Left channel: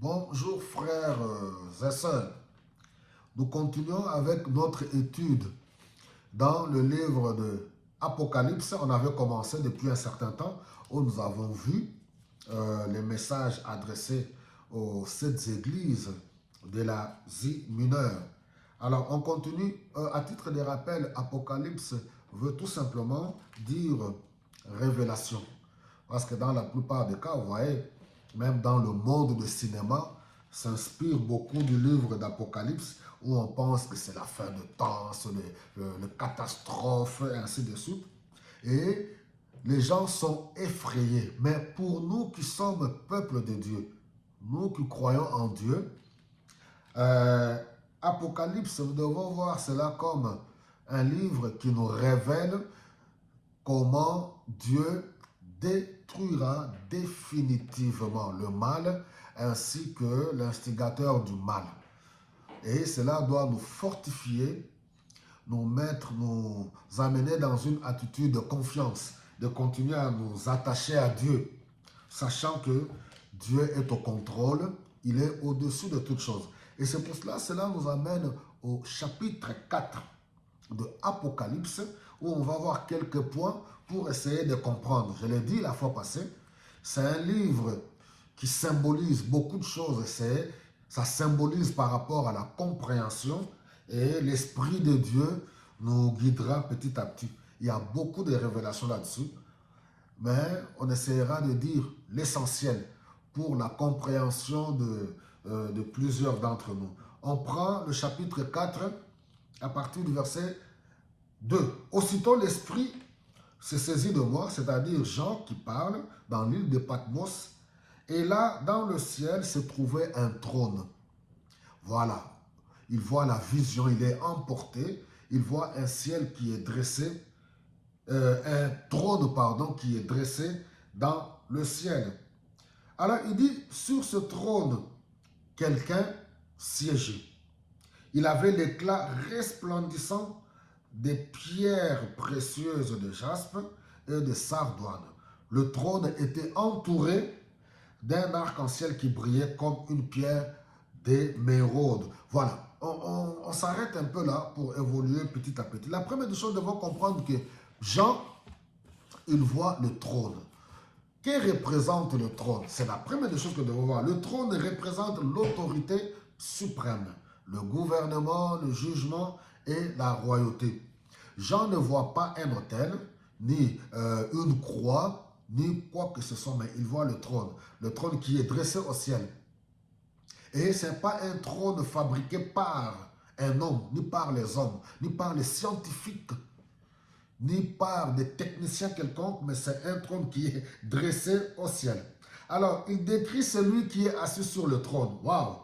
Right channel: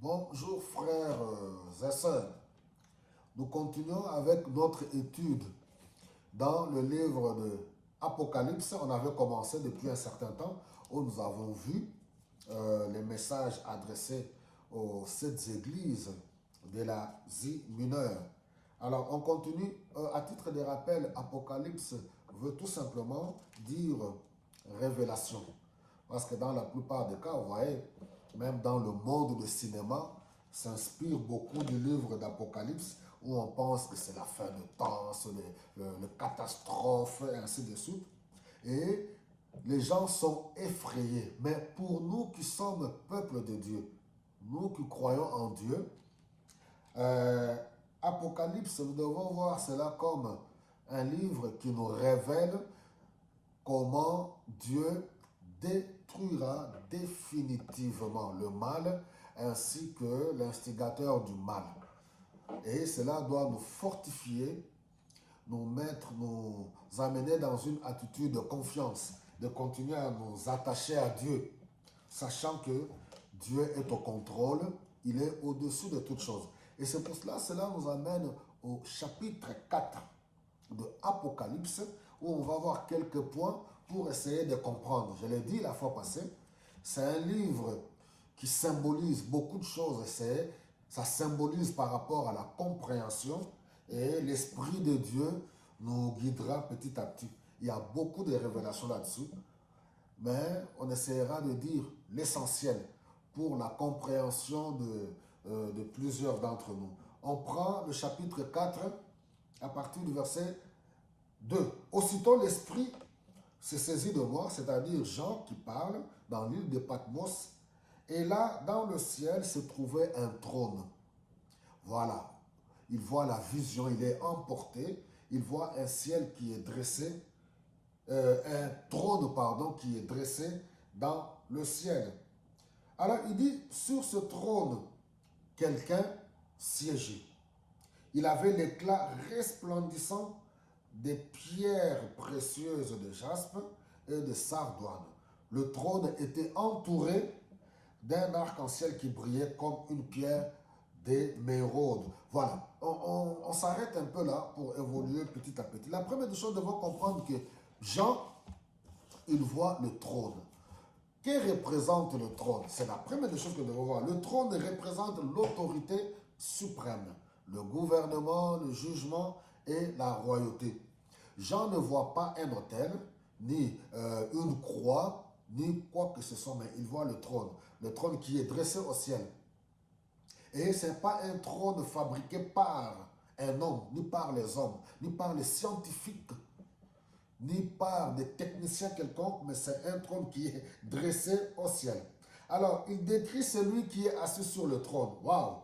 Bonjour frères et sœurs. Nous continuons avec notre étude dans le livre de Apocalypse. On avait commencé depuis un certain temps où nous avons vu les messages adressés aux sept églises de l'Asie mineure. Alors on continue. À titre de rappel, Apocalypse veut tout simplement dire révélation. Parce que dans la plupart des cas, vous voyez, même dans le monde du cinéma, s'inspire beaucoup du livre d'Apocalypse où on pense que c'est la fin de temps, c'est le catastrophe, et ainsi de suite. Et les gens sont effrayés. Mais pour nous qui sommes peuple de Dieu, nous qui croyons en Dieu, euh, Apocalypse, nous devons voir cela comme un livre qui nous révèle comment Dieu détruira définitivement le mal ainsi que l'instigateur du mal. Et cela doit nous fortifier, nous mettre, nous amener dans une attitude de confiance, de continuer à nous attacher à Dieu, sachant que Dieu est au contrôle, il est au-dessus de toutes choses. Et c'est pour cela, cela nous amène au chapitre 4 de Apocalypse, où on va voir quelques points pour essayer de comprendre. Je l'ai dit la fois passée, c'est un livre qui symbolise beaucoup de choses. Ça symbolise par rapport à la compréhension et l'Esprit de Dieu nous guidera petit à petit. Il y a beaucoup de révélations là-dessus, mais on essaiera de dire l'essentiel pour la compréhension de plusieurs d'entre nous. On prend le chapitre 4 à partir du verset 2. Aussitôt l'Esprit se saisit de moi, c'est-à-dire Jean qui parle dans l'île de Patmos, et là, dans le ciel, se trouvait un trône. Voilà, il voit la vision, il est emporté, il voit un ciel qui est dressé, un trône, pardon, qui est dressé dans le ciel. Alors, il dit, sur ce trône, quelqu'un siégeait. Il avait l'éclat resplendissant des pierres précieuses de jaspe et de sardoine. Le trône était entouré d'un arc-en-ciel qui brillait comme une pierre d'émeraude. Voilà, on s'arrête un peu là pour évoluer petit à petit. La première des choses, nous devons comprendre que Jean, il voit le trône. Que représente le trône? C'est la première des choses que nous devons voir. Le trône représente l'autorité suprême, le gouvernement, le jugement et la royauté. Jean ne voit pas un autel, ni une croix, ni quoi que ce soit, mais il voit le trône qui est dressé au ciel. Et ce n'est pas un trône fabriqué par un homme, ni par les hommes, ni par les scientifiques, ni par des techniciens quelconques, mais c'est un trône qui est dressé au ciel. Alors, il décrit celui qui est assis sur le trône. Waouh!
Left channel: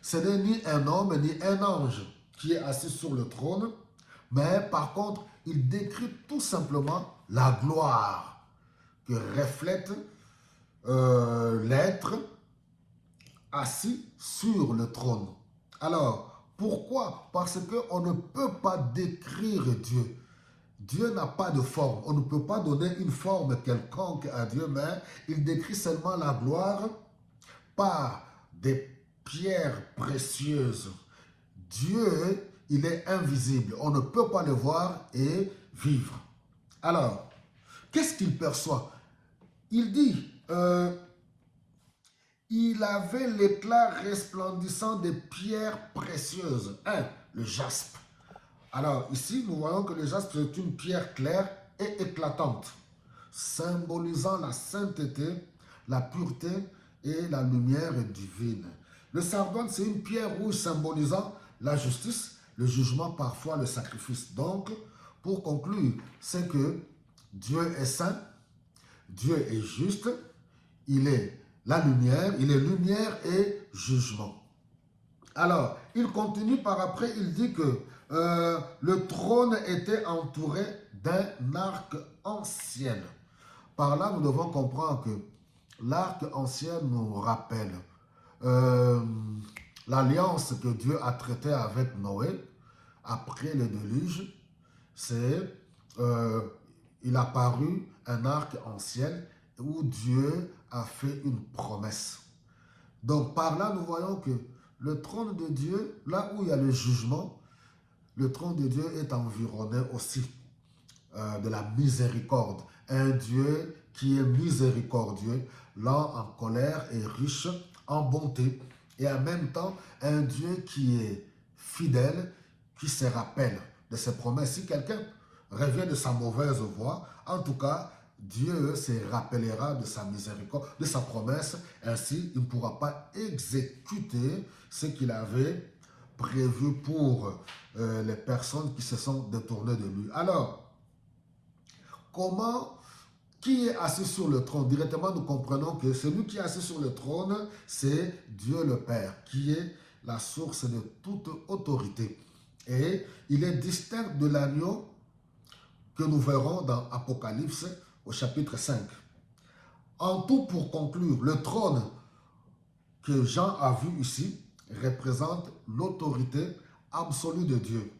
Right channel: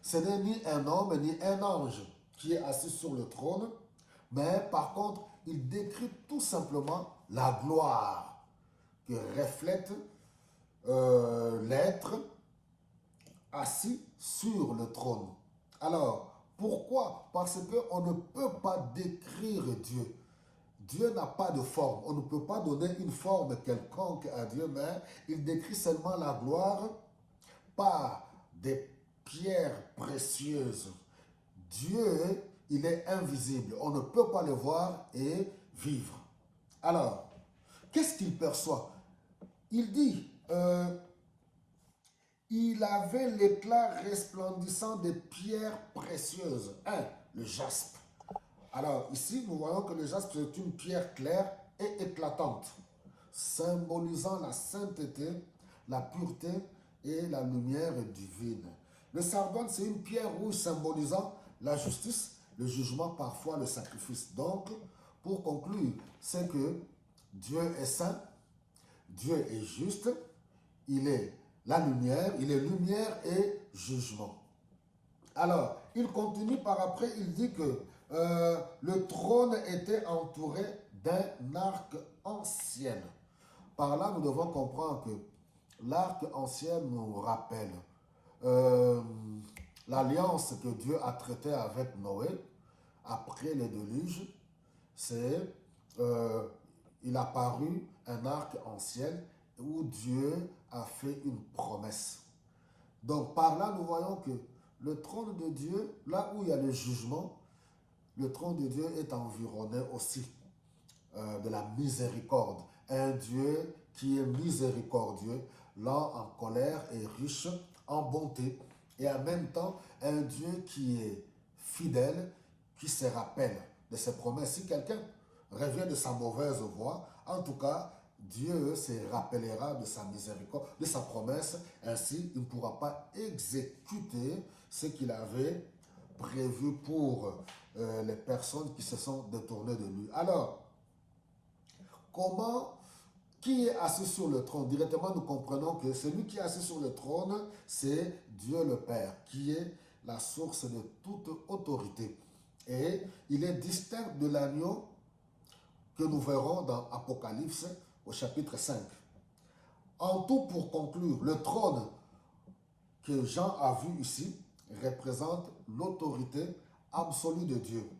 Ce n'est ni un homme, ni un ange qui est assis sur le trône, mais par contre, il décrit tout simplement la gloire que reflète l'être assis sur le trône. Alors, pourquoi? Parce qu'on ne peut pas décrire Dieu. Dieu n'a pas de forme. On ne peut pas donner une forme quelconque à Dieu, mais il décrit seulement la gloire par des pierres précieuses. Dieu, il est invisible. On ne peut pas le voir et vivre. Alors, qu'est-ce qu'il perçoit? Il dit, il avait l'éclat resplendissant des pierres précieuses. Un, le jaspe. Alors ici, nous voyons que le jaspe est une pierre claire et éclatante, symbolisant la sainteté, la pureté et la lumière divine. Le sardoine, c'est une pierre rouge symbolisant la justice, le jugement, parfois le sacrifice. Donc, pour conclure, c'est que Dieu est saint, Dieu est juste, il est la lumière, il est lumière et jugement. Alors, il continue par après, il dit que le trône était entouré d'un arc ancien. Par là, nous devons comprendre que l'arc ancien nous rappelle euh, l'alliance que Dieu a traitée avec Noé après le déluge. C'est, il a paru un arc ancien où Dieu a fait une promesse Donc par là, nous voyons que le trône de Dieu, là où il y a le jugement, le trône de Dieu est environné aussi de la miséricorde. Un Dieu qui est miséricordieux, lent en colère et riche en bonté. Et en même temps, un Dieu qui est fidèle, qui se rappelle de ses promesses. Si quelqu'un revient de sa mauvaise voie, en tout cas, Dieu se rappellera de sa miséricorde, de sa promesse. Ainsi, il ne pourra pas exécuter ce qu'il avait prévu pour les personnes qui se sont détournées de lui. Alors, qui est assis sur le trône? Directement, nous comprenons que celui qui est assis sur le trône, c'est Dieu le Père, qui est la source de toute autorité. Et il est distinct de l'agneau que nous verrons dans Apocalypse au chapitre 5. En tout, pour conclure, le trône que Jean a vu ici représente l'autorité absolue de Dieu.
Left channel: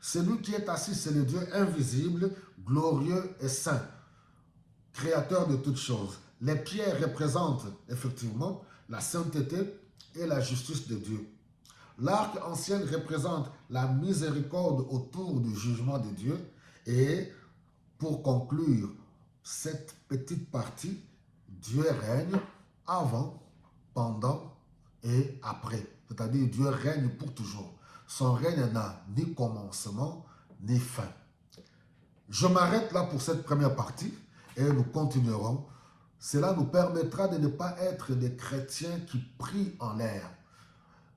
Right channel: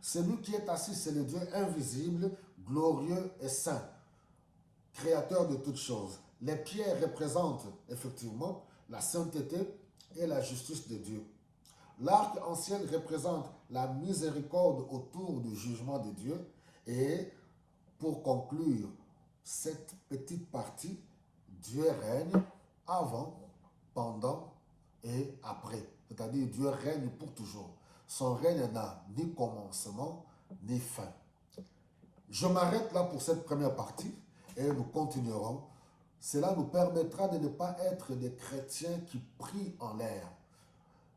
Celui qui est assis, c'est le Dieu invisible, glorieux et saint, créateur de toutes choses. Les pierres représentent effectivement la sainteté et la justice de Dieu. L'arc-en-ciel représente la miséricorde autour du jugement de Dieu. Et pour conclure cette petite partie, Dieu règne avant, pendant et après. C'est-à-dire Dieu règne pour toujours. Son règne n'a ni commencement ni fin. Je m'arrête là pour cette première partie et nous continuerons. Cela nous permettra de ne pas être des chrétiens qui prient en l'air.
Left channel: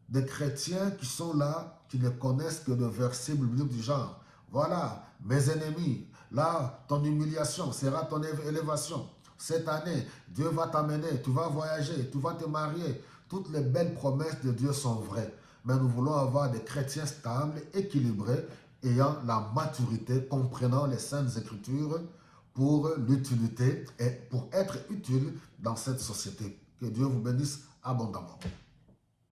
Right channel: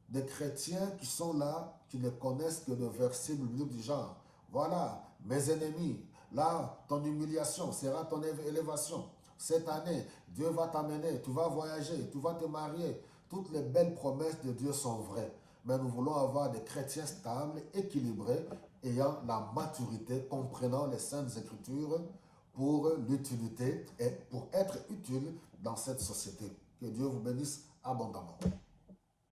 Des chrétiens qui sont là, qui ne connaissent que le verset biblique du genre. Voilà, mes ennemis, là, ton humiliation sera ton élévation. Cette année, Dieu va t'amener, tu vas voyager, tu vas te marier. Toutes les belles promesses de Dieu sont vraies. Mais nous voulons avoir des chrétiens stables, équilibrés, ayant la maturité, comprenant les saintes écritures pour l'utilité et pour être utile dans cette société. Que Dieu vous bénisse abondamment.